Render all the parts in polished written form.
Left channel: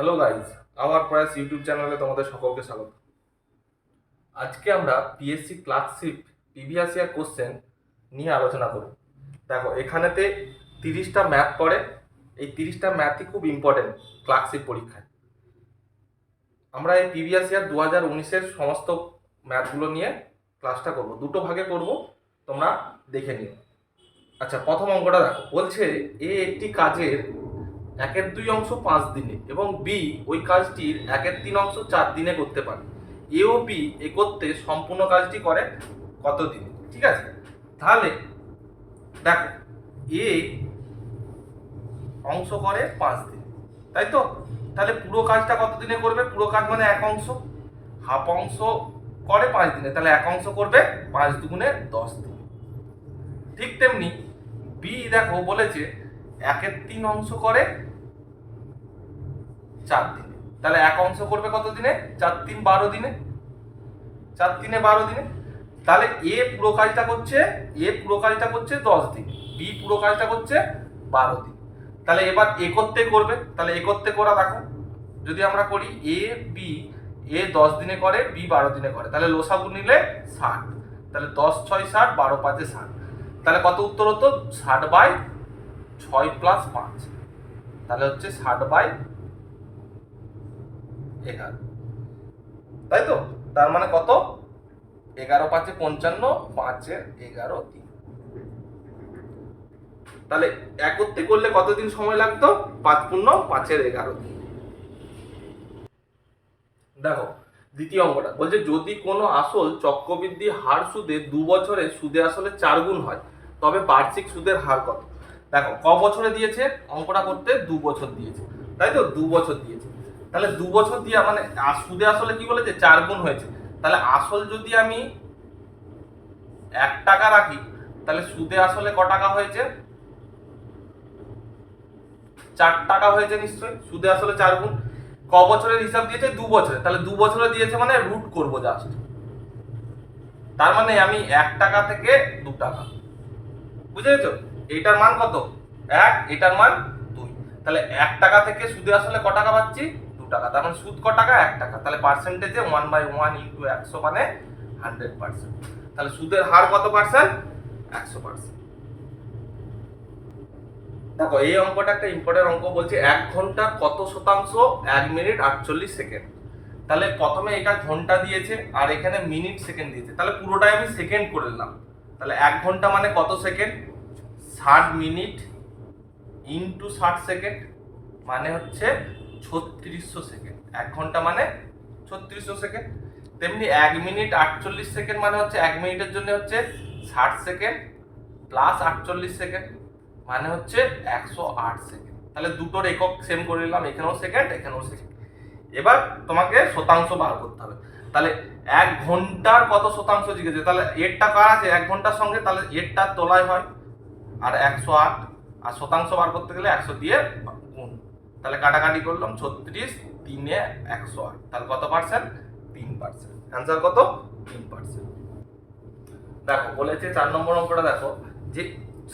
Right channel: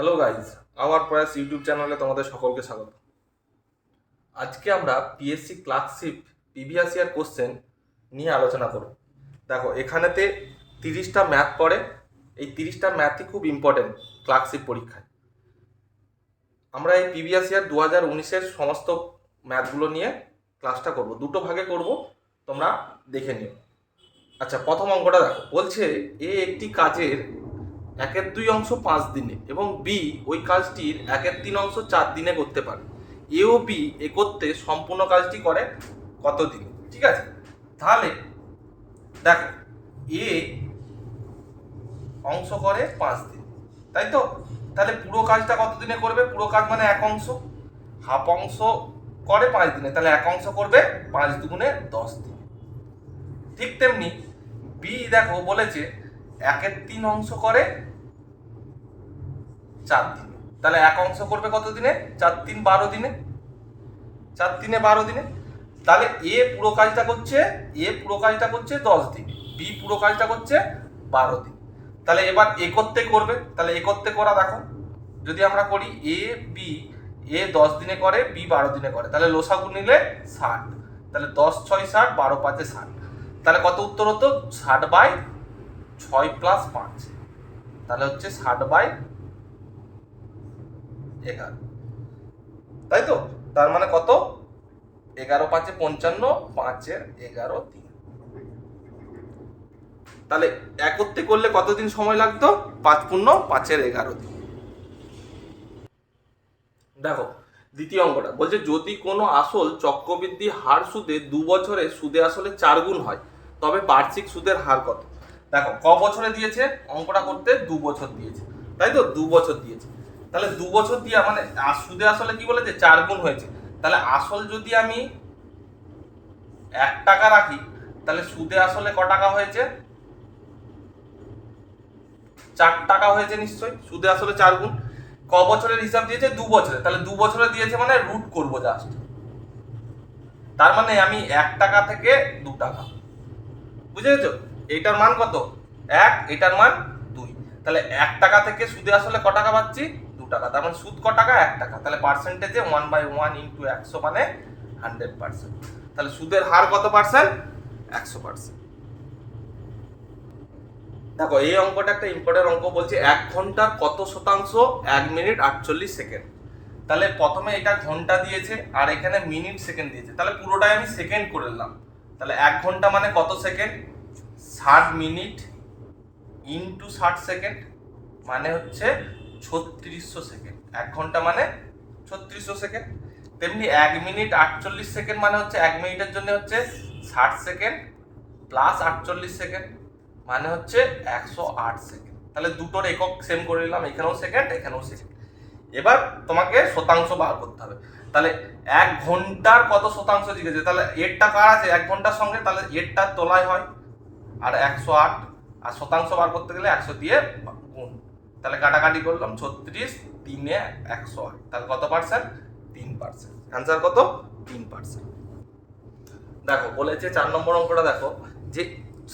Hello guys, hour প্রয়াস YouTube চ্যানেলে তোমাদের সকলকে স্বাগত। আজকে আমরা PSC clerkship previous year question নিয়ে আলোচনা করব। দেখো, এখানেতে 30টা ম্যাথ পড়ে। এই 30টা ম্যাথই খুব ইম্পর্টেন্ট ক্লার্কশিপ পরীক্ষায়। আমরা এই প্রিভিয়াস ইয়ার 2019-এর সমস্ত ম্যাথগুলো নিয়ে ক্লাসটা করব, দুটো ভাগে করব, তোমরা দেখে নিও। আচ্ছা, প্রথম অঙ্কটা দেখো, বলছে এ একটি কাজের 1/2 অংশ 5 দিনে এবং বি ওই কাজটির 1/3 অংশ 4 দিনে করতে পারে। এ ও বি এ করতে সম্পূর্ণ কাজটি করে কত দিনে? ঠিক আছে, তাহলে দেখো, এ অংশ করে 5 দিন, তাই তো? তাহলে পুরো কাজটা কত দিনে করবে? পুরো কাজ মানে এক অংশ, হাফ অংশ করে 5 দিনে, তাহলে এক অংশ করবে 5 দুগুণে 10 দিন। ঠিক তেমনি বি দেখো বলেছে 1/3 অংশ করে 4 দিনে, তাহলে এক অংশ করবে কত দিনে? 4 3 12 দিনে, 4 3 12 দিনে। তাহলে এ পুরো কাজটা করছে 10 দিনে, বি পুরো কাজটা করছে 12 দিন। তাহলে এবার এ করতে করবে, তাহলে এ করতে করা দেখো, যদি আমরা করি এ 10 দিনে করে, বি 12 দিনে করে, তাহলে লসাগু নিলে 60, তাহলে 10 6 60, 12 5 60, তাহলে কত উত্তর হতো? 60/6 + 5, তাহলে হচ্ছে 60/11, তাই তো? তার মানে কত? 11 5 55, 5 11 3। তাহলে একত্রে করলে কতদিন সময় লাগতো? 5 পূর্ণ 5 11 দিন। দেখো, দ্বিতীয় অঙ্কটা বলছে যদি কোনো আসল চক্রবৃদ্ধি হার সুদে 2 বছরে সুদে আসলে 4 গুণ হয়, তবে বার্ষিক সুদের হার কত? দেখো, ক বছরে দিয়েছে? অঙ্কটা করতে 2 বছর দিয়েছে, তাই তো? 2 বছর দিয়েছে, তাহলে 2 বছর দিয়ে মানে সুদে আসলে কি বলেছে? 4 গুণ হয়েছে। তাহলে আসল যদি আমি 1 টাকা রাখি, তাহলে সুদে আসলে ক টাকা হয়েছে? 4 টাকা হয়েছে নিশ্চয়ই, সুদে আসলে 4 গুণ। ক বছরের হিসাব দিয়েছে? 2 বছরে, তাহলে 2 বছরে দিয়েছে মানে রুট করব জাস্ট, তার মানে আমি 1 টাকা থেকে 2 টাকা, বুঝে গেছো? এইটার মান কত? 1, এটার মান 2, তাহলে 1 টাকা থেকে সুদে আসলে ক টাকা পাচ্ছি? 2 টাকা, তার মানে সুদ ক টাকা? 1 টাকা, তাহলে পার্সেন্টেজে 1/1 * 100 মানে 100%, তাহলে সুদের হার কত পার্সেন্ট? 100%। দেখো, এই অঙ্কটা একটা ইম্পর্টেন্ট অঙ্ক। বলছে 1 ঘন্টা কত শতাংশ? 1 মিনিট 48 সেকেন্ড। তাহলে প্রথমে এটা ঘন্টা দিয়েছে আর এখানে মিনিট সেকেন্ড দিয়েছে, তাহলে পুরোটাই আমি সেকেন্ড করে নিলাম। তাহলে 1 ঘন্টা মানে কত সেকেন্ড? 60 মিনিট ইন্টু 60 সেকেন্ড, মানে হচ্ছে 3600 সেকেন্ড। 1 ঘন্টা মানে 3600 সেকেন্ড। তেমনি 1 মিনিট 48 সেকেন্ড মানে হচ্ছে 1 মিনিটের জন্য হচ্ছে 60 সেকেন্ড প্লাস 48 সেকেন্ড, মানে হচ্ছে 108 সেকেন্ড। তাহলে দুটোর একক সেম করে নিলাম, এখানেও সেকেন্ড, এখানেও সেকেন্ড। এবার তোমাকে শতাংশ বার করতে হবে। তাহলে 1 ঘন্টার কত শতাংশ জিজ্ঞেসে, তাহলে এরটা কার আছে 1 ঘন্টার সঙ্গে, তাহলে এরটা তোলায় হয় আর 108, আর শতাংশ বার করতে গেলে 100 দিয়ে গুণ, তাহলে কাটাকাটি করলাম 36 3 এ 108, তাহলে কত পার্সেন্ট? 3%। অ্যান্সার কত? 3%। দেখো, বলেছে 4 নম্বর অঙ্কটা দেখো, যে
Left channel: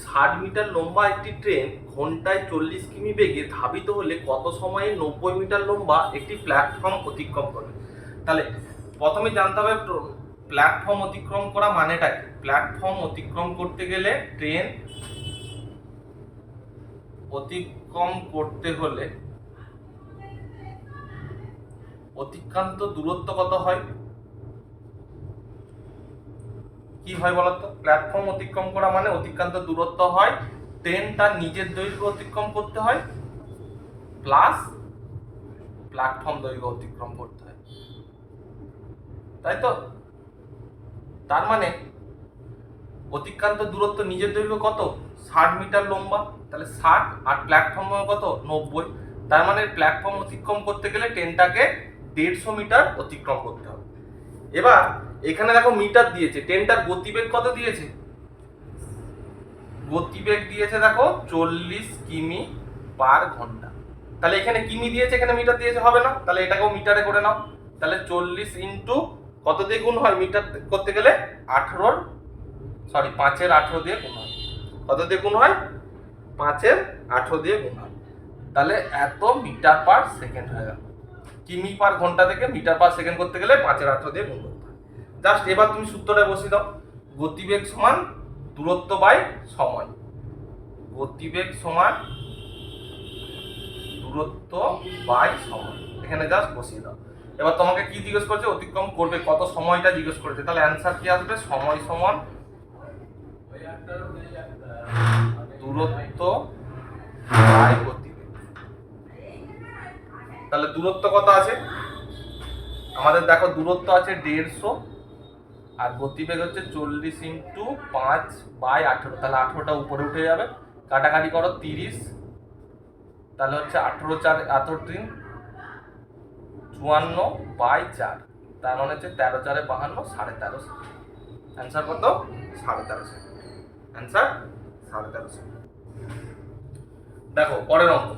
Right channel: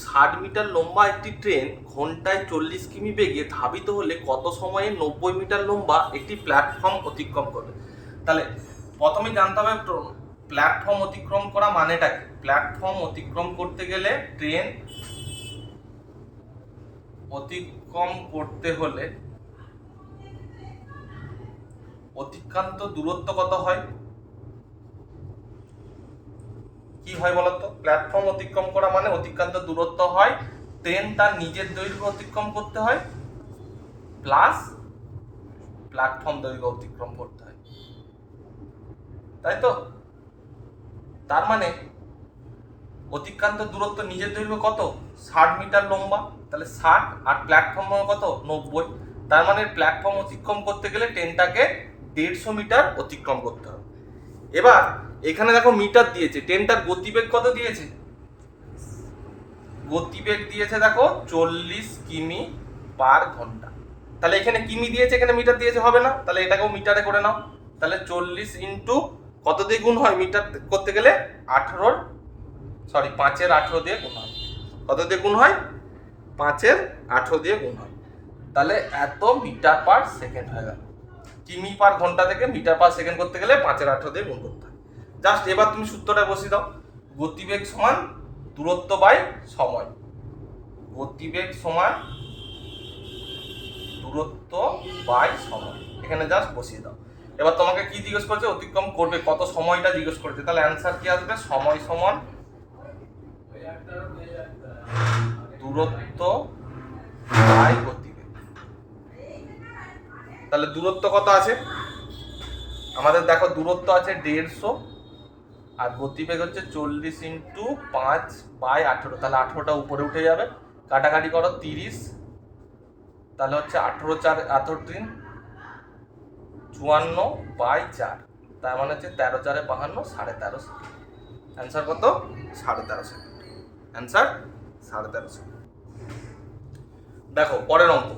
60 মিটার লম্বা একটি ট্রেন ঘন্টায় 40 কিমি বেগে ধাবিত হলে কত সময়ে 90 মিটার লম্বা একটি প্ল্যাটফর্ম অতিক্রম করবে? তাহলে প্রথমে জানতে হবে প্ল্যাটফর্ম অতিক্রম করা মানেটা কি। প্ল্যাটফর্ম অতিক্রম করতে গেলে, ট্রেন অতিক্রম করতে হলে অতিক্রান্ত দূরত্ব কত হয়? কি হয় বলতো? প্ল্যাটফর্ম অতিক্রম করা মানে অতিক্রান্ত দূরত্ব হয়, ট্রেন তার নিজের দৈর্ঘ্য অতিক্রম করতে হয় প্লাস প্ল্যাটফর্ম দৈর্ঘ্য অতিক্রম করতে হয়, তাই তো? তার মানে অতিক্রান্ত দূরত্ব নিজের দৈর্ঘ্য কত? 60 মিটার লম্বা, তাহলে 60 আর প্ল্যাটফর্ম কত? 90, তার মানে প্ল্যাটফর্ম অতিক্রম করতে গেলে ট্রেনটাকে 150 মিটার অতিক্রম করতে হবে। এবার এখানে দেখো মিটার দিয়েছে, ট্রেনটার গতিবেগ কত দিয়েছে? গতিবেগ দিয়েছে দেখো 40 কিমি পার ঘন্টা। তাহলে এখানে কিমি দিয়েছে, এখানে মিটার দিয়েছে, হবে না? তাহলে এটাকেও মিটারে করে নাও। তাহলে 40 ইন্টু কত দিয়ে গুণ হয় মিটার করতে গেলে? 5 এর 18 দিয়ে গুণ হয়। কত দিয়ে গুণ হয়? 5 এর 18 দিয়ে গুণ হয়। তাহলে এত মিটার পার সেকেন্ড হয়ে গেল। কিমি পার ঘন্টা থেকে মিটার পার সেকেন্ড করতে গেলে 5-18 দিয়ে গুণ করতে হয়। জাস্ট এবার তুমি সূত্রটা বসিয়ে দাও, গতিবেগ সমান দূরত্ব বাই সময়। গতিবেগ সমান দূরত্ব বাই সময়, এখানে জাস্ট বসিয়ে দাও। এবার তোমাকে কি জিজ্ঞেস করছে, অতিক্রম করবে কত সময়টা জিজ্ঞেস করেছে, তাহলে অ্যান্সার কি আসবে, সময় সমান দূরত্ব বাই গতিবেগ। তাহলে দূরত্ব কত আছে আমাদের, দেখো দূরত্ব আছে 150 আর গতিবেগ হচ্ছে 40 × 5/18, তাহলে 18টা উপরে উঠে যাবে, কাটাকাটি করো 30, তাহলে হচ্ছে 18×4 = 54/4, তার মানে হচ্ছে 13×4 = 52, 13.5 সেকেন্ড। অ্যান্সার কত, 13.5 সেকেন্ড। Answer 13.5 second. দেখো পরের অঙ্ক,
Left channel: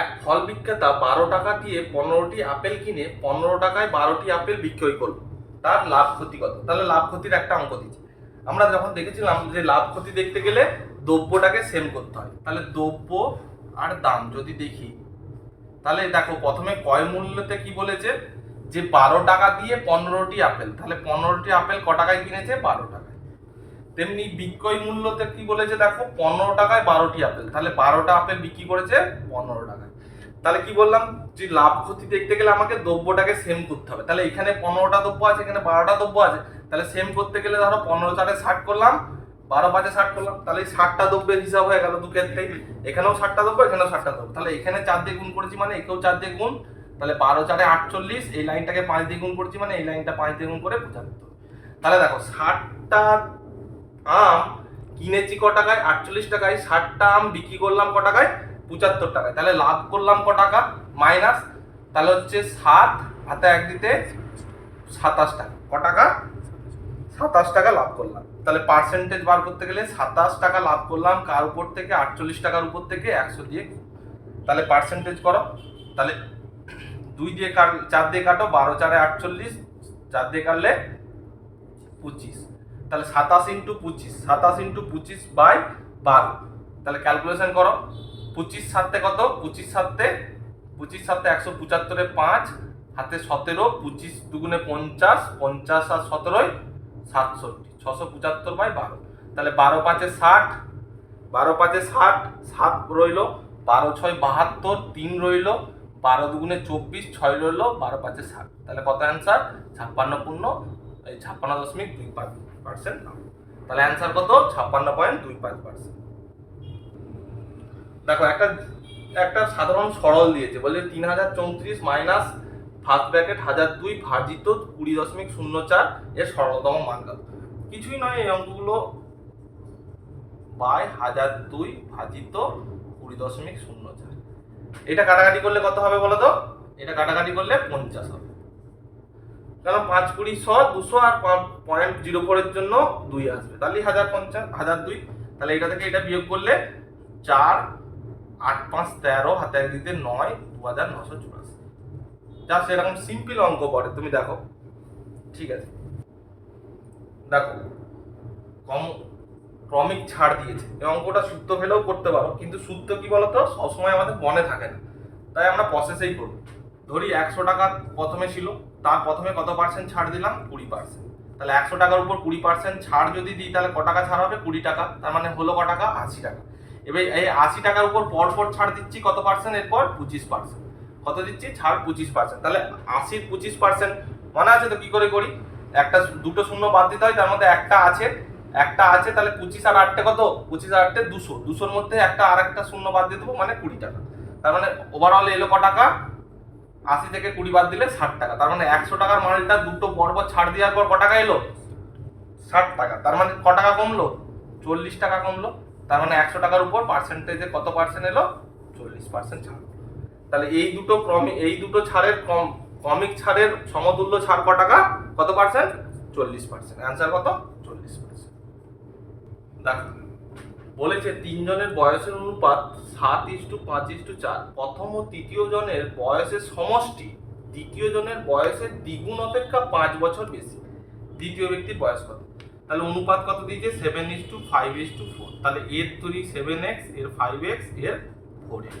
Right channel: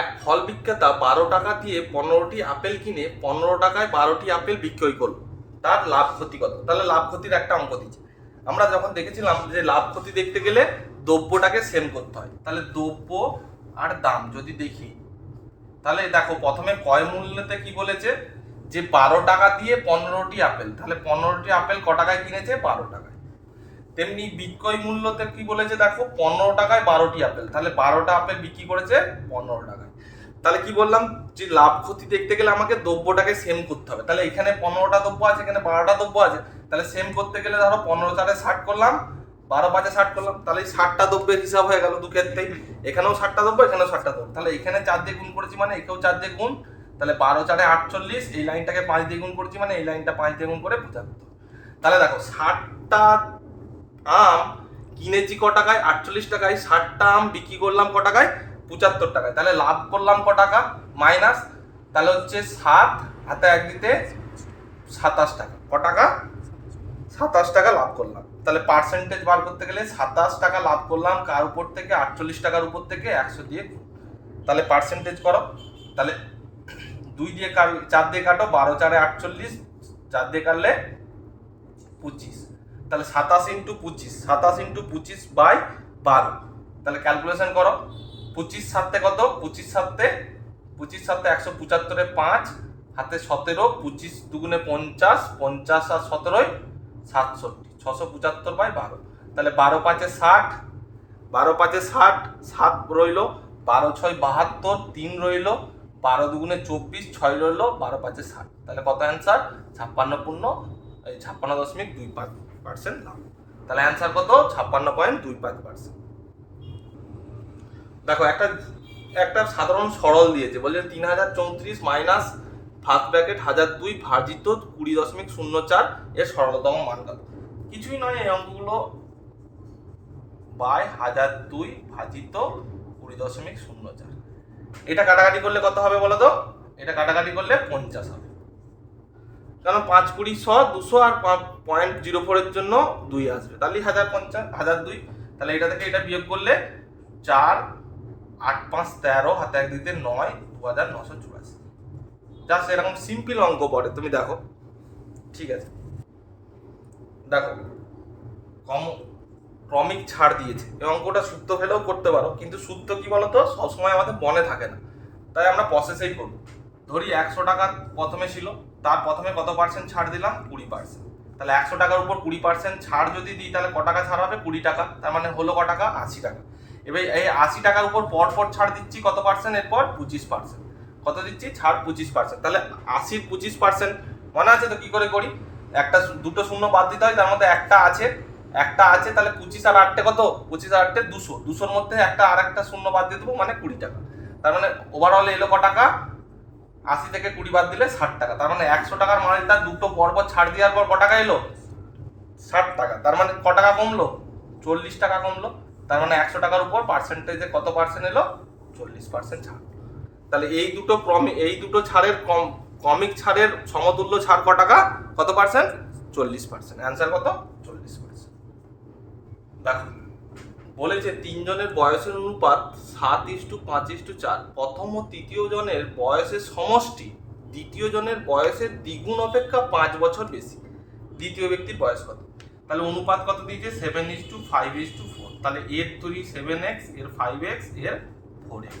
এক ফল বিক্রেতা 12 টাকা দিয়ে 15টি আপেল কিনে 15 টাকায় 12টি আপেল বিক্রয় করলো, তার লাভ ক্ষতি কত। তাহলে লাভ ক্ষতির একটা অঙ্ক দিচ্ছে। আমরা যখন দেখেছিলাম যে লাভ ক্ষতি দেখতে গেলে দ্রব্যটাকে সেম করতে হয়, তাহলে দ্রব্য আর দাম যদি দেখি, তাহলে দেখো প্রথমে ক্রয় মূল্যতে কি বলেছে, যে 12 টাকা দিয়ে 15টি আপেল, তাহলে 15টি আপেল ক টাকায় কিনেছে, 12 টাকায়। তেমনি বিক্রয় মূল্যতে কি বলেছে, দেখো 15 টাকায় 12টি আপেল, তাহলে 12টা আপেল বিক্রি করেছে 15 টাকায়। তাহলে কি বললাম, যে লাভ ক্ষতি দেখতে গেলে আমাকে দ্রব্যটাকে সেম করতে হবে। তাহলে এখানে 15টা দ্রব্য আছে, এখানে 12টা দ্রব্য আছে, তাহলে সেম করতে গেলে ধরো 15×4 = 60 করলাম, 12×5 = 60 করলাম, তাহলে এই 60টা দ্রব্যের হিসাব হয়ে গেল দু ক্ষেত্রেই, এখানেও 60টা দ্রব্য, এখানেও 60টা দ্রব্য, তাহলে এখানে 4 দিয়ে গুণ করেছি মানে এখানেও 4 দিয়ে গুণ, তাহলে 12×4 = 48, এই লাইনটাকে 5 দিয়ে গুণ করেছি মানে এই লাইনটা 5 দিয়ে গুণ করে 75। তাহলে দেখো 60টা আম কিনেছি ক টাকায়, 48 টাকায়, 60টা আম বিক্রি করলাম ক টাকায়, 75 টাকায়, তাহলে লাভ করলাম ক টাকা, মাইনাস, তাহলে হচ্ছে 7 হাতে 1 দিতে 27 টাকা, ক টাকা, 27 টাকা লাভ করলাম। তাহলে পার্সেন্টেজ বার করতে গেলে 27 টাকা লাভ করলাম কার উপর থেকে, 48 টাকার উপর থেকে 100 দিয়ে, তাহলে পার্সেন্টেজ করো, তাহলে 2 দিয়ে 4 দিয়ে কাটো, 12×4 = 48, 4 দিয়ে কাটলে 25, তাহলে 27 × 25, 27 × 25/12, তাহলে ক্যালকুলেশন করো, 25 7 কত, 25 7 175 5 হাতে 17, 25 2 × 50, 50 আর 17 67, 675/12, তাহলে 12×5 = 60, 12×5 = 60, 7 রইল, 12×6 = 72, 3 রইল, 12 2 × 24, 6 রইল, 12×5 = 60, তাহলে কত অ্যান্সার, 56.25%। তাহলে অ্যান্সার কত, 56.25%। দেখো একটা সাধারণ সরল দিয়েছে, বলে 3034 মাইনাস ফার্স্ট ব্র্যাকেট 1002 ভাজিত 20.04 এর সরলতম মান কত। কিছুই নয়, এই অঙ্কগুলো বাই 1002 ভাজিত 20.04, এটা কাটাকাটি করলে কত হবে বলো তো, এটা কাটাকাটি করলে 50 হবে, কারণ 5 20 100 200 আর 0.04 এর জন্য 2 আসবে, তাহলে 1050 1002, তাহলে এটা থেকে এটা বিয়োগ করলে 4 8 5 13 হাতে 1 দিতে 9 2984। জাস্ট এরকম সিম্পল অঙ্ক পড়ে, তুমি দেখো, ঠিক আছে। দেখো ক্রমিক ছাড় দিয়েছে, এই অঙ্কটা সূত্র ফেলেও করতে পারো, কিন্তু সূত্র কি বলতো সবসময় আমাদের মনে থাকে না, তাই আমরা প্রসেসেই করব। ধরি 100 টাকা প্রথমে ছিল, তার প্রথমে কত পার্সেন্ট ছাড় দিলাম, 20%, তাহলে 100 টাকার উপর 20% ছাড় যদি দিই, তাহলে ক টাকা ছাড় হবে, 20 টাকা, তার মানে হলো ক টাকা, 80 টাকা। এবার এই 80 টাকার উপর পর ছাড় দিচ্ছি কত পার্সেন্ট, এরপর 25%, কত দিচ্ছি, ছাড় 25%, তাহলে 80 র 25%, মনে আছে তো কি করে করি, একটা দুটো শূন্য বাদ দিতে হয়, তার মধ্যে একটা আছে, তাহলে 25 আর 8 কত, 25 আর 8 200, 200 এর মধ্যে একটা আর একটা শূন্য বাদ দিয়ে দেবো, মানে 20 টাকা, তার মানে ওভারঅল এলো ক টাকা, 80 থেকে 20 বাদ দিলে 60 টাকা, তার মানে 100 টাকার মালটা দুটো পরপর ছাড় দেওয়ার পর ক টাকা এলো, 60 টাকা, তার মানে ক টাকা কমলো, 40 টাকা কমলো, তার মানে 100 টাকার উপর পার্সেন্টেজে কত পার্সেন্ট এলো, 40% ছাড়। তাহলে এই দুটো ছাড়ের ক্রমিক ছাড়ের সমতুল্য ছাড় ক টাকা, কত পার্সেন্ট, 40%। অ্যান্সার কত, 40%। দেখো বলেছে 3 জনের বয়সের অনুপাত 7:5:4, প্রথম ও তৃতীয় জনের বয়সের সমষ্টি দ্বিতীয় জনের বয়সের দ্বিগুণ অপেক্ষা 5 বছর বেশি, দ্বিতীয় ব্যক্তির বয়স কত। তাহলে অনুপাত কত দিয়েছে, 7:5:4, তাহলে এর 7x, এর 5x, এর 4x,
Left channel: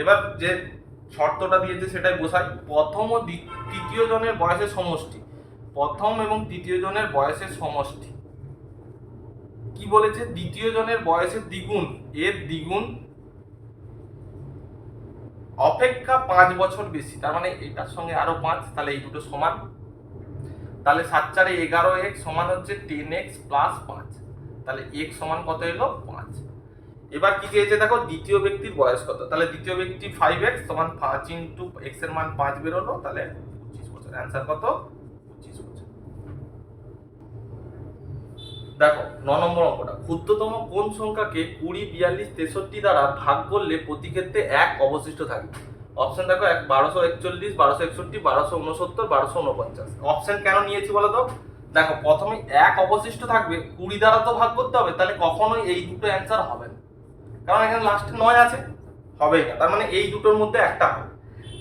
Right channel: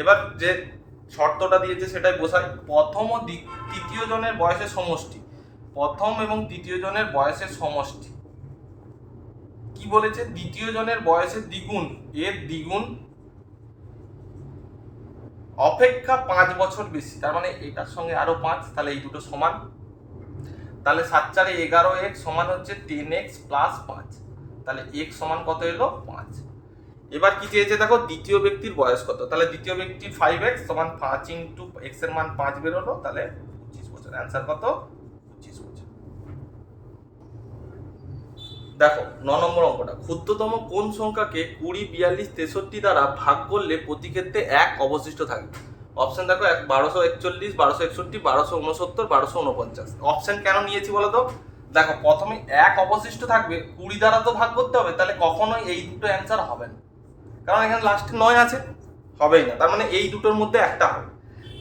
এবার যে শর্তটা দিয়েছে সেটাই বসাই। প্রথম ও তৃতীয় জনের বয়সের সমষ্টি, প্রথম এবং তৃতীয় জনের বয়সের সমষ্টি কি বলেছে, দ্বিতীয় জনের বয়সের দ্বিগুণ, এর দ্বিগুণ অপেক্ষা 5 বছর বেশি, তার মানে এটার সঙ্গে আরো 5, তাহলে এই দুটো সমান। তাহলে 7 4 11x সমান হচ্ছে 10x প্লাস 5, তাহলে x সমান কত এলো 5। এবার কি চেয়েছে দেখো, দ্বিতীয় ব্যক্তির বয়স কত, তাহলে দ্বিতীয় ব্যক্তি 5x সমান 5 ইন্টু x এর মান 5 বেরোলো, তাহলে 25 বছর। অ্যান্সার কত, 25 বছর। দেখো 9 নম্বর অঙ্কটা, ক্ষুদ্রতম কোন সংখ্যাকে 20 42 63 দ্বারা ভাগ করলে প্রতি ক্ষেত্রে 1 অবশিষ্ট থাকবে। অপশন দেখো 1241 1261 1269 1249। অপশন কেন নিয়েছি বলো তো, দেখো প্রথমে 1 অবশিষ্ট থাকবে, 20 দ্বারা তো ভাগ করতে হবে, তাহলে কখনোই এই দুটো অ্যান্সার হবে না, কারণ এখানে লাস্টে 9 আছে, হবেই না, তার মানে এই দুটোর মধ্যে একটা হবে।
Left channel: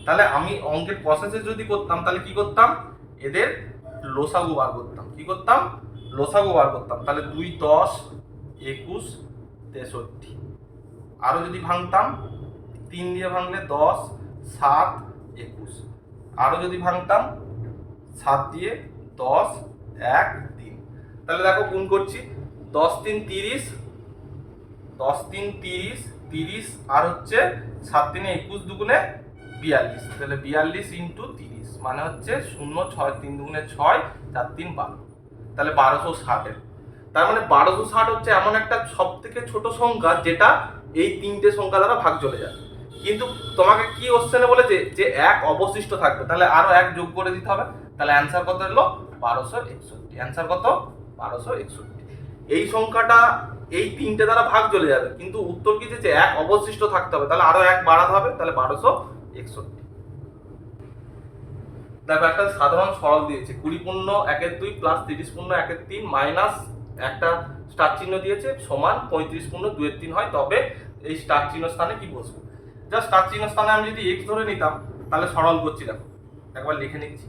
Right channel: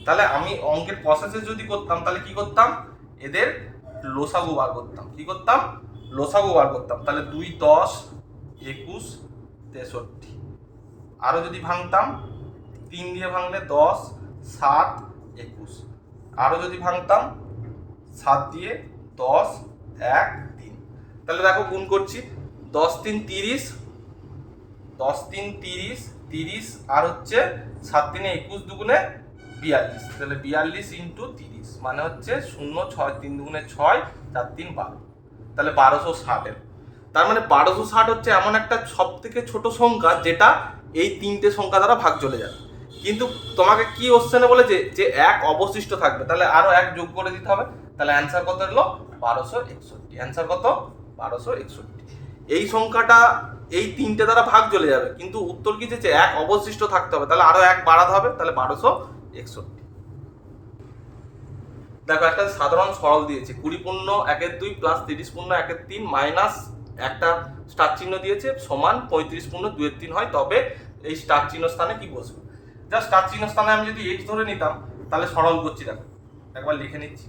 তাহলে আমি অঙ্কের প্রসেসে যদি করতাম তাহলে কি করতাম, এদের লসাগু বার করতাম, কি করতাম, লসাগু বার করতাম। তাহলে 2 10 21 63, আরো যদি ভাঙতাম 3 দিয়ে ভাঙলে 10 7 21, আরো যদি ভাঙতাম 7 দিয়ে 10 1 3। তাহলে দেখো গুণ করছি, 10 3 30, 10 3 30 30, আর হচ্ছে 7 3 21 দুগুণে 42, তাহলে 42 ইন্টু 30 মানে হচ্ছে 0 6 3 দুগুণে 6 4 3 12, তাহলে 1260। তার মানে 1260 হচ্ছে এমন একটা সব থেকে ছোট সংখ্যা যেটা এই তিনটে সংখ্যা দ্বারা ভাগ চলে যায়। কিন্তু তোমাকে কি কোশ্চেনে বলেছে যে 1 অবশিষ্ট থাকবে, তাহলে আরো 1 যোগ করে দিতে হবে, তাহলে অ্যান্সার কত হলো 1261। অ্যান্সার কত 1261। এই সংখ্যাটা এই তিনটে দ্বারা ভাগ চলে যাবে, কিন্তু উত্তর কি দিয়েছে 1 অবশিষ্ট থাকতে হবে, তাহলে আরো 1 বাড়াতে হবে, তাহলে 1261। দেখো একটা সাধারণ সরল দিয়েছে, 20 পূর্ণ 1 2 প্লাস 30 পূর্ণ 1 3 মাইনাস একটা স্টার চিহ্ন দিয়েছে সমান 35 পূর্ণ 2 3 হয়, তবে এই স্টার চিহ্ন স্থানে কি বসবে। জাস্ট স্টার চিহ্ন স্থানে আমি যদি x ধরে নিতাম তাহলে সরল করছি, দেখো একবার লিখে নিচ্ছি।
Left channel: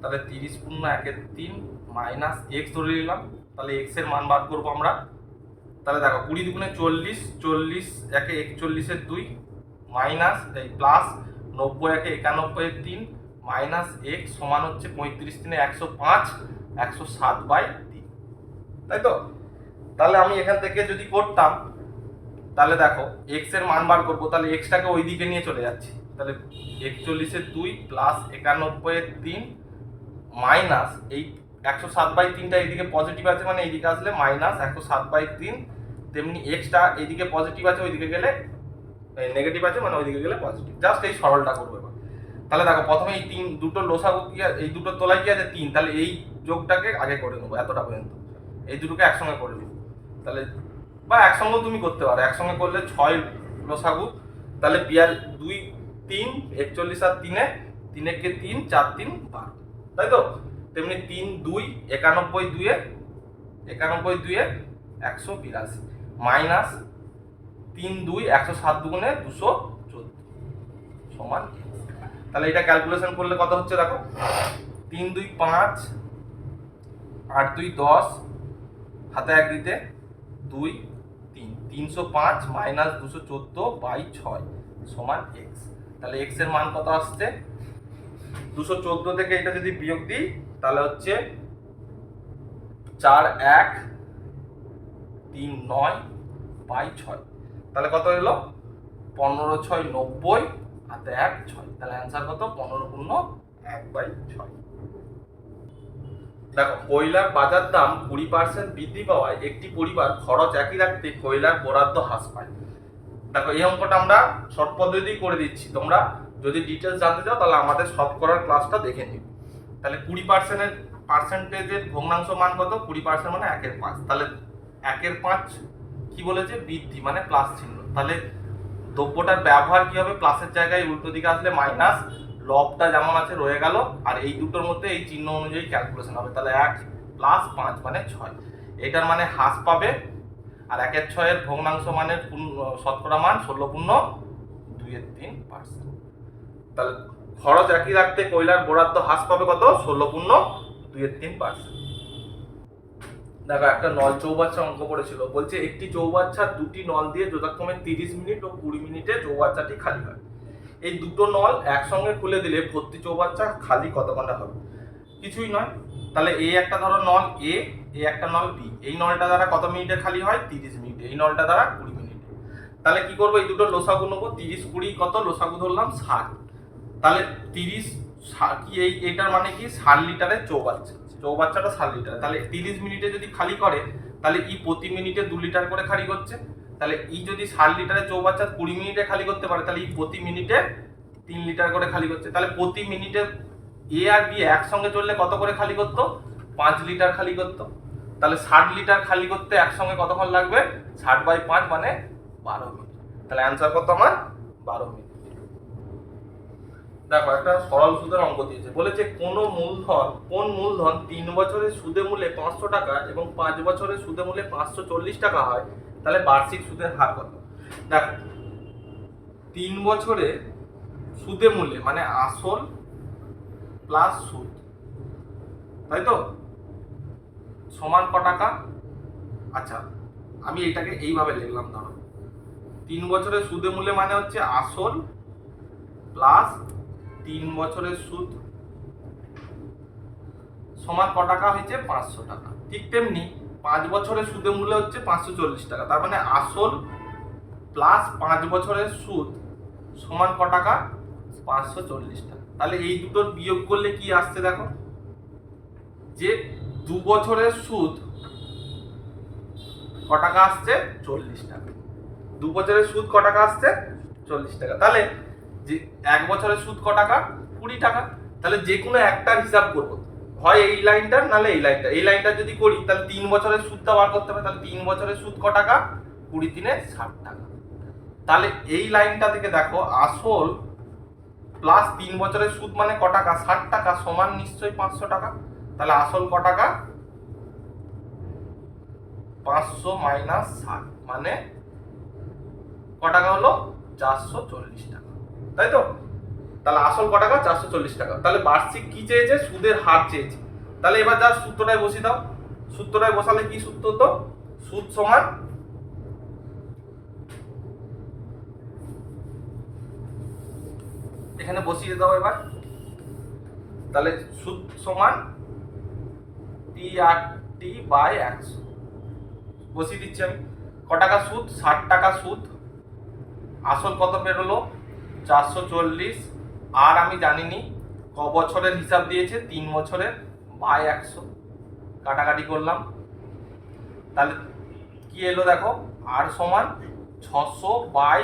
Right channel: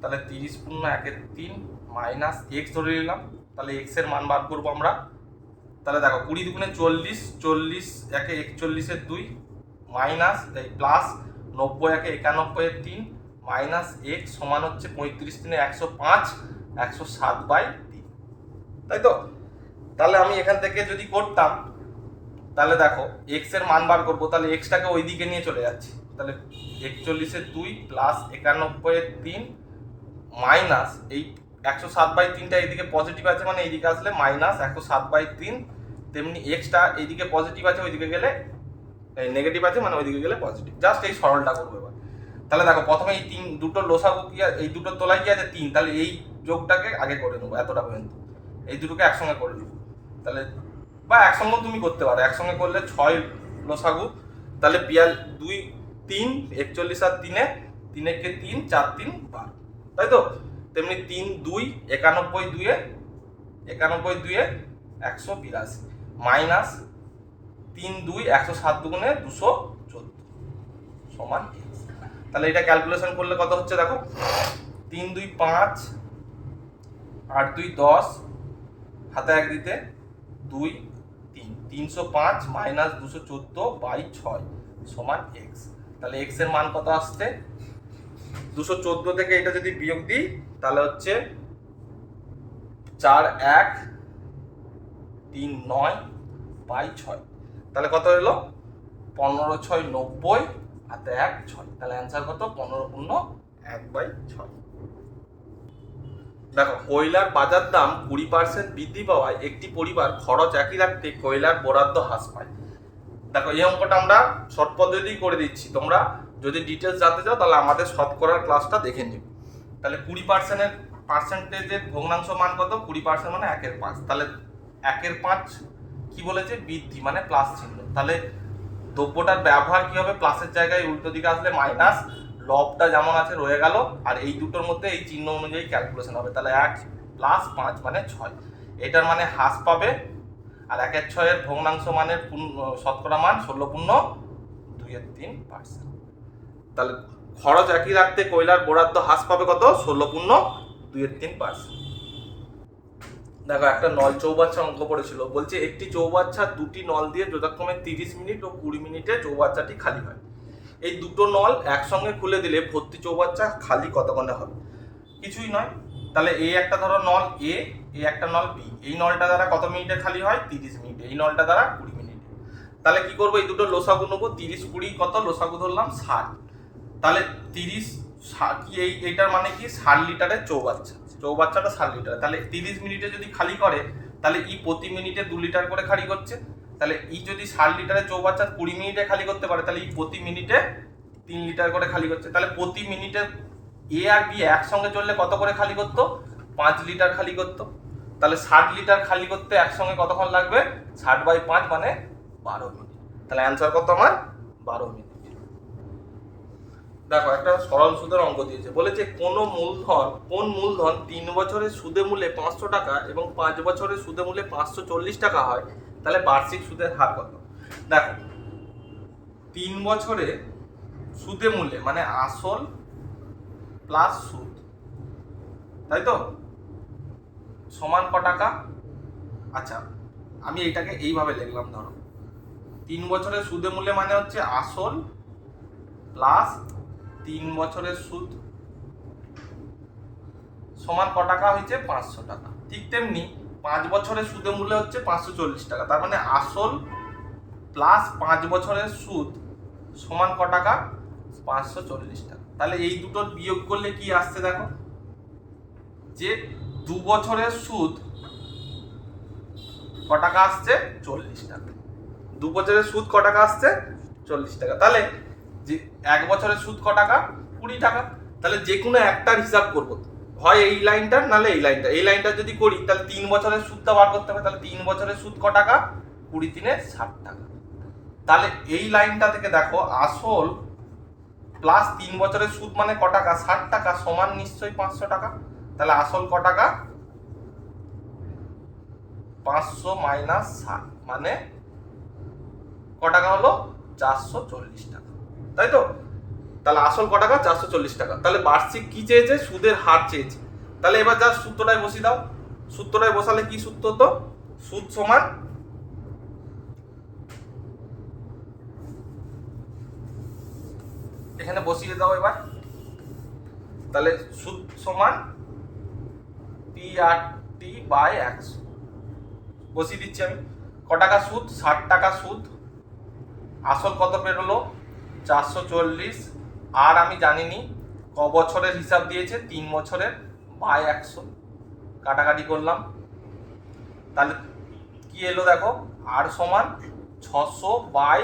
তাহলে 30 পূর্ণ 1 3 মাইনাস x ধরে নিলাম, তাহলে x এর মান বার করবো আমরা। তাহলে দেখো 20 দুগুণে 40, 40 একে 41 এর 2 মাইনাস এই প্লাস 90 একে 91 এর 3 মাইনাস x সমান হচ্ছে 35 3 105 107/3, তাই তো। তাহলে আমি এখান থেকে যদি করতাম তাহলে দেখো x এর মান বার করবো, তাহলে x টাকে ওই দিকে নিয়ে চলে যাচ্ছি, তাহলে 41 এর 2 প্লাস 91 এর 3 মাইনাস এই 107/3টা এইদিকে পজিটিভ আছে, মানে এইদিকে আসলে মাইনাস 107/3, তেমনি এক্সটা এইদিকে পজিটিভ আছে, ওইদিকে গেলে নেগেটিভ আছে, মানে ওইদিকে গেলে পজিটিভ। জাস্ট এই সরলটা করবো এবার। তাহলে দেখো প্রথমে এই দুটো লসাগু কি, এই দুটো তোলাই কি আছে 3, তাহলে এই যোগটাকে আগে করে নেবো এতটা পর্যন্ত, এই দুটোকে একসঙ্গে করে নেবো, তাহলে বা একসঙ্গে তুমি করতে পারো, একসঙ্গে করলে 6 লসাগু, তাহলে 2 3 41 আর 3 3 কে 3 4 3 12, তাই তো। তেমনি 3 2 91 2 182 মাইনাস 3 2 107 দুগুণে 214 সমান x। তাহলে এটা ক্যালকুলেশন করলে কত হচ্ছে দেখো, 3 2 5 8 2 10 হাতে 1 দিতে 2 3 305 মাইনাস 214/6 সমান x। তাহলে x এর মান কত আসছে, 214 থেকে এটা যদি বিয়োগ দিই তাহলে হচ্ছে 4 1 3 9/6, তাহলে কত হলো 15 6 90 হাতে 1 6, তাহলে অ্যান্সার কত 15 পূর্ণ 1/6। দেখো কয়লার বাজার দাম 20% বৃদ্ধি পাওয়ায় একটি পরিবার খরচ একই রাখতে কয়লার বরাদ্দ হ্রাস পায়। দেখো এই অঙ্কটা আমরা শর্ট পদ্ধতি করে দিচ্ছি, তোমরা যদি ডিটেলস জানতে চাও তাহলে আমাদের শতকরার ক্লাসটা দেখে নিও। তাহলে 20%-এর ভগ্নাংশ মান কত, 20% মানে 1/5, তাহলে 1/5 কি বলেছে বৃদ্ধি মানে প্লাস চিহ্ন, তাহলে দ্রব্যটার ব্যবহার কি হবে, প্লাসের জায়গায় উল্টো দিকে আসলে মাইনাস, লবটা যেমন আছে রয়ে গেল, আর এই দুটোর মধ্যে এই চিহ্ন অনুযায়ী ক্যালকুলেশন হবে, তাহলে 1 প্লাস 5 মানে 6, এটার মানে হ্রাস পাবে, আর 1/6 ভগ্নাংশ মানের শতকরা মান 16.2/3%। তাহলে খরচ একই রাখতে কয়লার বরাদ্দ হ্রাস পাবে কত, 16.2/3%। দেখো একটা নল চৌবাচ্চা অঙ্ক পড়েছিল, বলছে একটি চৌবাচ্চা দুটি নল দিয়ে যথাক্রমে 30 মিনিট ও 20 মিনিটে চৌবাচ্চাটি খালি হয়। এই দুটো নল একসঙ্গে খুলে দিলে ভর্তি চৌবাচ্চা খালি কতক্ষণে হবে? কিছুই নয়। তাহলে এই একটা ধরো নল এ, এই একটা নল বি, এই নলটা দ্বারা কত মিনিটে খালি হয়? 30 মিনিটে। এই নলটা দ্বারা 20 মিনিটে। তাহলে কি করবো? এই দুটো লসাগু নেবো, 30 20 কত? লসাগু ধরলাম 60। তাহলে 30 কি এইটার মানে কি 60 লিটারের চৌবাচ্চা, চৌবাচ্চাটা 60 লিটার। তাহলে 30 মিনিটে যদি খালি করে তাহলে ই প্রতি মিনিটে 2 লিটার করে খালি করছে। তাহলে ই যদি 60 লিটারের চৌবাচ্চা 20 মিনিটে খালি করতে পারে তাহলে ই প্রতি মিনিটে 3 লিটার করে খালি করছে। তাহলে প্রতি মিনিটে এ আর বি একসঙ্গে চললে কত করে খালি করতো? 5 লিটার খালি করতো। তাহলে 60 লিটার খালি করতে একসঙ্গে কতক্ষণ লাগবে? 60/5 মানে 12 মিনিট। তাহলে অ্যান্সার কত আমার? 12 মিনিট। দেখো একটা সরল সুদের অঙ্ক দিয়েছে, বলেছে কোন মূলধন 3 বছরের সুদে মূলে 500 টাকা এবং 5 বছরের সুদে মূলে 540 টাকা হয়, তাহলে বার্ষিক সুদের হার কত? দেখো 3 বছরে সুদে মূলে মানে আসল প্লাস সুদ, তাই তো, সমান ক টাকা? আচ্ছা আমি এটাকে এইভাবে লিখলাম, ধরো 3 বছরের সুদে মূলে মানে হচ্ছে আসল প্লাস 3 বছরের সুদ সমান ক টাকা হয়েছে? 500 টাকা। ঠিক তেমনি 5 বছরের সুদে মূল্য হচ্ছে 540 টাকা, তার মানে আসল প্লাস 5 বছরের সুদ সমান ক টাকা? 540 টাকা। তাহলে এই দুটোর বিয়োগ করলে কি আসছে? দেখো যে 2 বছরের সুদ ক টাকা আসছে? 40 টাকা। 2 বছরের সুদ ক টাকা আসছে? 40 টাকা। তাহলে যে 1 বছরের সুদ ক টাকা? 20 টাকা। তাহলে যে কোনো একটার হিসাব করবো, হয় এই লাইনটার নাহলে এই লাইনটা। এই লাইনটা যদি করি তাহলে 3 বছরের সুদটা বার করতে হবে। তাহলে 3 বছরের সুদ ক টাকা? 20 3 60 টাকা। তাহলে এই লাইনটা থেকে দেখো আসল প্লাস 3 বছরের সুদ মানে ক টাকা? 60 টাকা, সমান নিশ্চয়ই 500 টাকা। তাহলে আসল ক টাকা? 500 মাইনাস 60 মানে ক টাকা হলো? 440 টাকা, তাই তো। তাহলে আসল ক টাকা? 440 টাকা। তাহলে বার্ষিক কি চেয়েছে? সুদের হার চেয়েছে। তাহলে এবার যা সূত্রটায় বসিয়ে দাও। সূত্রটায় বসালে কি সূত্র হতো? সুদ সমান এখানে বসিয়ে দাও এবার। তাহলে সুদ সমান PRT/100 বসিয়ে দিচ্ছি আমি। ক টাকা সুদ? 60 টাকা সুদ। আসল কত বেরোলো? 440। আর আমি জানিনি ক বছরের হিসাব দিয়েছে? 3 বছরের, বাই 100 কাটাকাটি করলাম। তাহলে কি এলো দেখো? আর সমান 600 বাই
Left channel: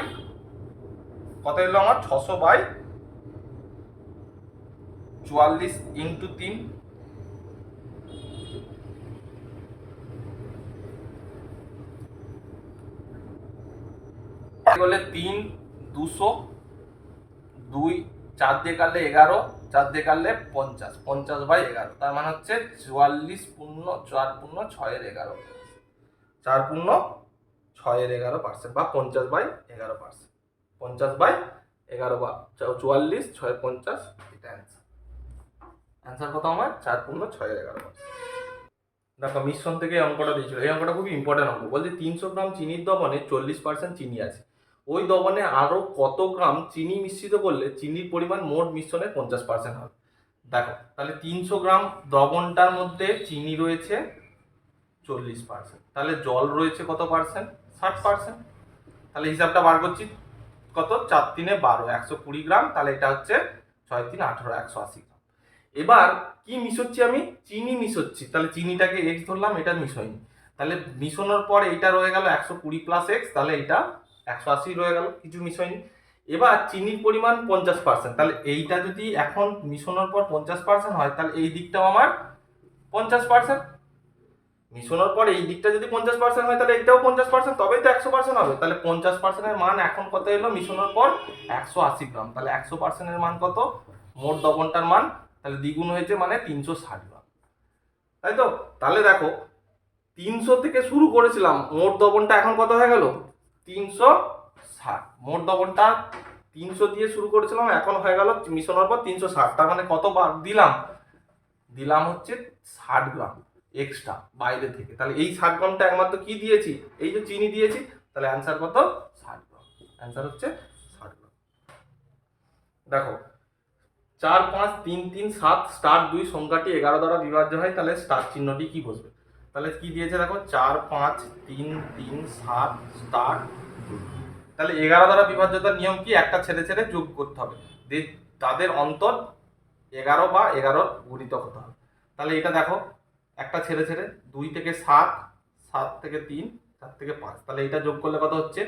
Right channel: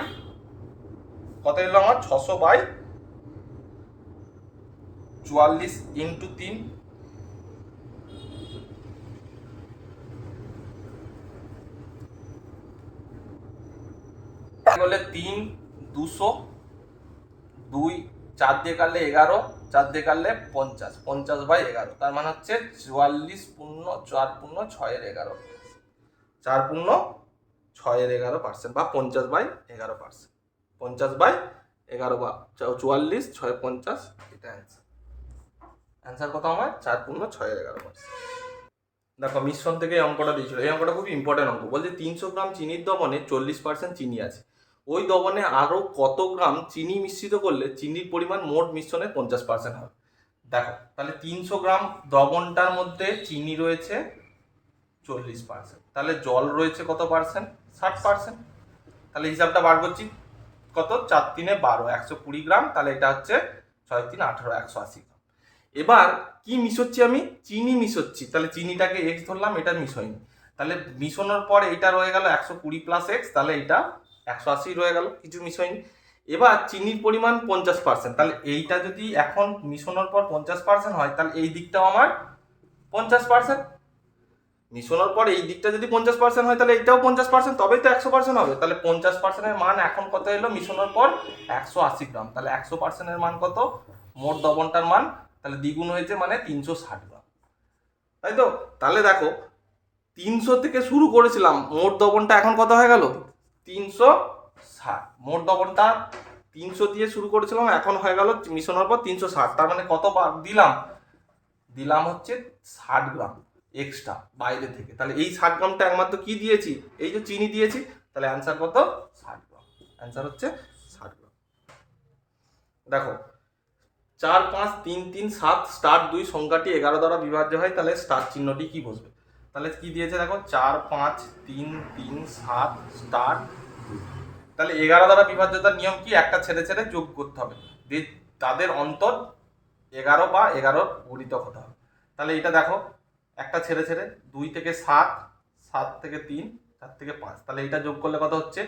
কত এলো আমার? 600/44 ইন্টু 3। বলে 3 200, 2 4 দিয়ে কাটলে 11, 4 দিয়ে কাটলে 50, 50/11। তার মানে হচ্ছে 44 পূর্ণ 4 পূর্ণ 6/11, 4 পূর্ণ 6/11% বা 50/11%। 50/11 বা 44 6 50, এটা অ্যান্সার। অ্যান্সার কত আমার? 4 পূর্ণ 6/11%। দেখো মিশ্রণ থেকে এই অঙ্কটা দিয়েছিল। এই অঙ্কটা খুবই ইম্পর্টেন্ট অঙ্ক। বলছে 300 গ্রাম চিনির দ্রবণে 40% চিনি আছে, ওই দ্রবণে আরো কত গ্রাম চিনি মিশ্রিত করলে চিনির পরিমাণ মোট মিশ্রণের 50% হবে? দেখো তাহলে 300 গ্রাম দ্রবণটার মধ্যে চিনি রয়েছে 40%, তাহলে জল রয়েছে কত পার্সেন্ট? 60%। তাহলে হিসাবটা বার করছি, কত? 4 3 12, 120 গ্রাম। তাহলে এটা হচ্ছে 6 3 18, 180 গ্রাম। এবার কি মিশোচ্ছি আমি? চিনি মিশোচ্ছি। তাহলে চিনিটাকে এক্স ধরলাম, এটা মিশোয়নি। তাহলে মিশোনোর পর এটা রয়ে গেল 120 প্লাস এক্স, তাহলে এটা 180 রয়ে গেল, কিছু মিশোয়নি। এবার চিনির পরিমাণ 50%, তাহলে এইটা যদি এখন মিশোনোর পর 50% হয় তাহলে এই দিকটাও আমার 50%। মিশোনোর পর এই দিকটা যদি 50% হয় তাহলে এটাও 50%, তবেই তো 100% হবে। তাহলে 50%-এর মান এখন কত এলো মিশোনোর পর? 180 গ্রাম। তাহলে 100%-এর মান কত? মোট দ্রবণটার মান তাহলে দ্বিগুণ হয়েছে মানে 360 গ্রাম, তাই তো। তাহলে দেখো 300 থেকে শুরু করেছিলাম, মোট দ্রবণটা এখন কত হয়ে গেল? 360। মোট দ্রবণটা 300 দিয়ে শুরু করেছিলাম, এখন হয়ে গেল মিশানোর পর 360। তার মানে কত বার দিলাম? দিলাম হচ্ছে 60 গ্রাম। এক্সট্রা বাইরে থেকে। তাহলে এই 60 গ্রামটা একমাত্র কি দিয়েছি, এই যে চিনি দিয়েছি, তাহলে অ্যান্সার কত 60 গ্রাম, অ্যান্সার হচ্ছে 60 গ্রাম। দেখো 4 5 3 3 7 স্টার 2 সংখ্যাটি 11 দ্বারা বিভাজ্য হয়, তাহলে স্টার চিহ্নটি কি বসবে? তাহলে কি দিয়েছে দেখো 4 5 3 3 7 স্টার 2। তাহলে 11 দ্বারা বিভাজ্যতার নিয়ম কি, একটা ছেড়ে ছেড়ে যোগ করতে হবে, তাদের অন্তর 11 বা 11 গুণিতক হতে হবে। তাহলে এটা দেখো একটা ছেড়ে ছেড়ে 2 থেকে 7, 7 থেকে 3, 4 থেকে 5, তাহলে এটা যোগ করলে কত হচ্ছে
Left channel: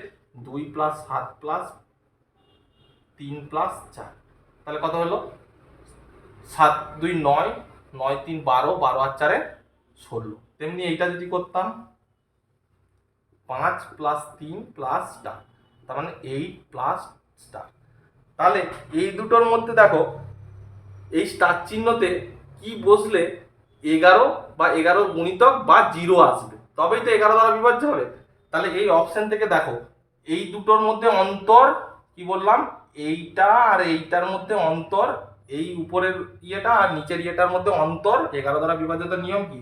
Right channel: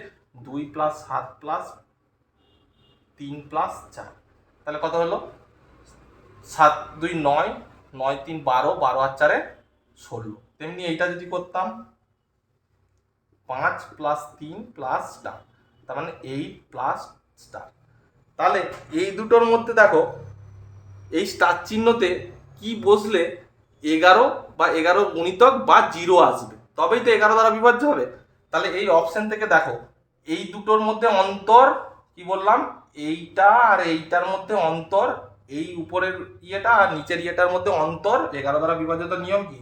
2 + 7 + 3 + 4, তাহলে কত হলো 7 2 9, 9 3 12, 12 আর 4 16। তেমনি এইটা যদি করতাম 5 + 3 + স্টার, তার মানে 8 + স্টার। তাহলে এই দুটোর মধ্যে দেখো এই স্টার চিহ্নতে কি বসলে 11 বা 11 গুণিতক বা 0 আসবে, তবেই তো 11 দ্বারা বিভাজ্য হবে। তাহলে এই অপশন থেকে দেখো এই দুটোর মধ্যে অন্তর কি বললাম, এইটা আর এইটার মধ্যে অন্তর, এই উপরের ইয়েটা আর নিচের ইয়েটার মধ্যে অন্তর 11 দ্বারা বিভাজ্যতার নিয়ম কি,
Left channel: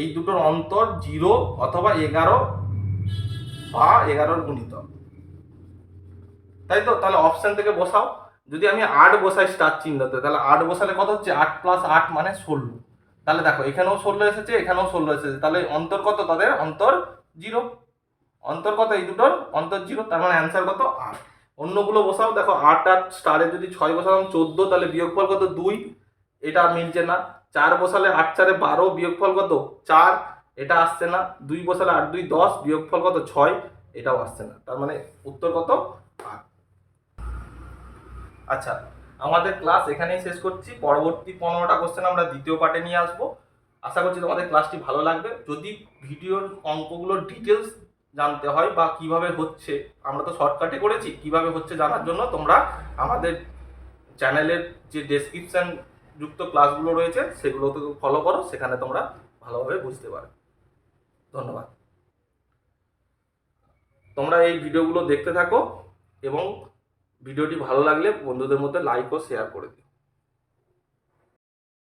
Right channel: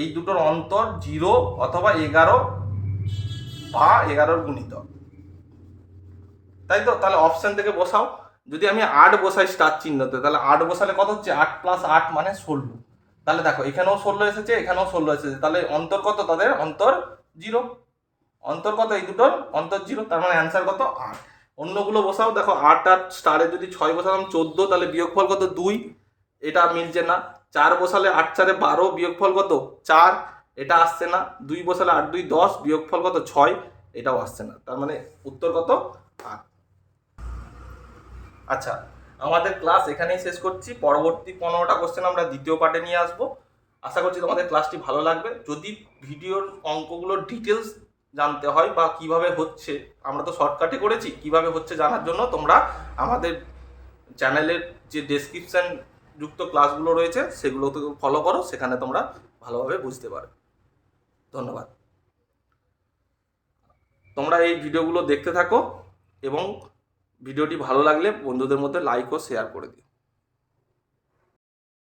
এই দুটোর অন্তর 0 অথবা 11 বা 11 গুণিতক, তাই তো। তাহলে অপশন থেকে বসাও, যদি আমি 8 বসাই স্টার চিহ্নতে, তাহলে 8 বসালে কত হচ্ছে 8 + 8 মানে 16। তাহলে দেখো এখানেও 16 এসেছে, এখানেও 16 এসেছে, তাহলে অন্তর কত, তাদের অন্তর 0, অন্তর কত এই দুটোর অন্তর 0, তার মানে অ্যান্সার কত 8। অন্যগুলো বসাও, দেখো 8 আর স্টারে যদি 6 বসালাম 14, তাহলে বিয়োগফল কত 2, এটা মিলছে না। 4 বসালে 8 4 12, বিয়োগফল কত 4, এটা আসছে না। 2 বসালে 8 2 10, বিয়োগফল কত 6, এটাও আসছে না, তার মানে উত্তর কত 8। আচ্ছা, আমাদের ক্লাস এখানেই শেষ করছি। পরবর্তী 15টা কোশ্চেন আমরা দ্বিতীয় পার্টে নিয়ে আসবো। আশা করছি তোমাদের ক্লাসটি ভালো লাগবে। যদি ভিডিওর অঙ্কগুলোর ডিটেলস জানতে হয় বা কিভাবে হচ্ছে, আমরা তো শর্টকাটে করেছি, কিভাবে হচ্ছে জানার জন্য তোমরা আমাদের চ্যানেলের যে ডেসক্রিপশন যুক্ত ক্লাসগুলো রয়েছে সেগুলোতে ফলো করো, সেখানে তোমরা ভালোভাবে বুঝতে পারো। ধন্যবাদ। তোমরা এই ভিডিওগুলো দেখতে থাকো এবং ভিডিওটি ভালো লাগলে বন্ধুদের মধ্যে লাইক ও শেয়ার করে দিও।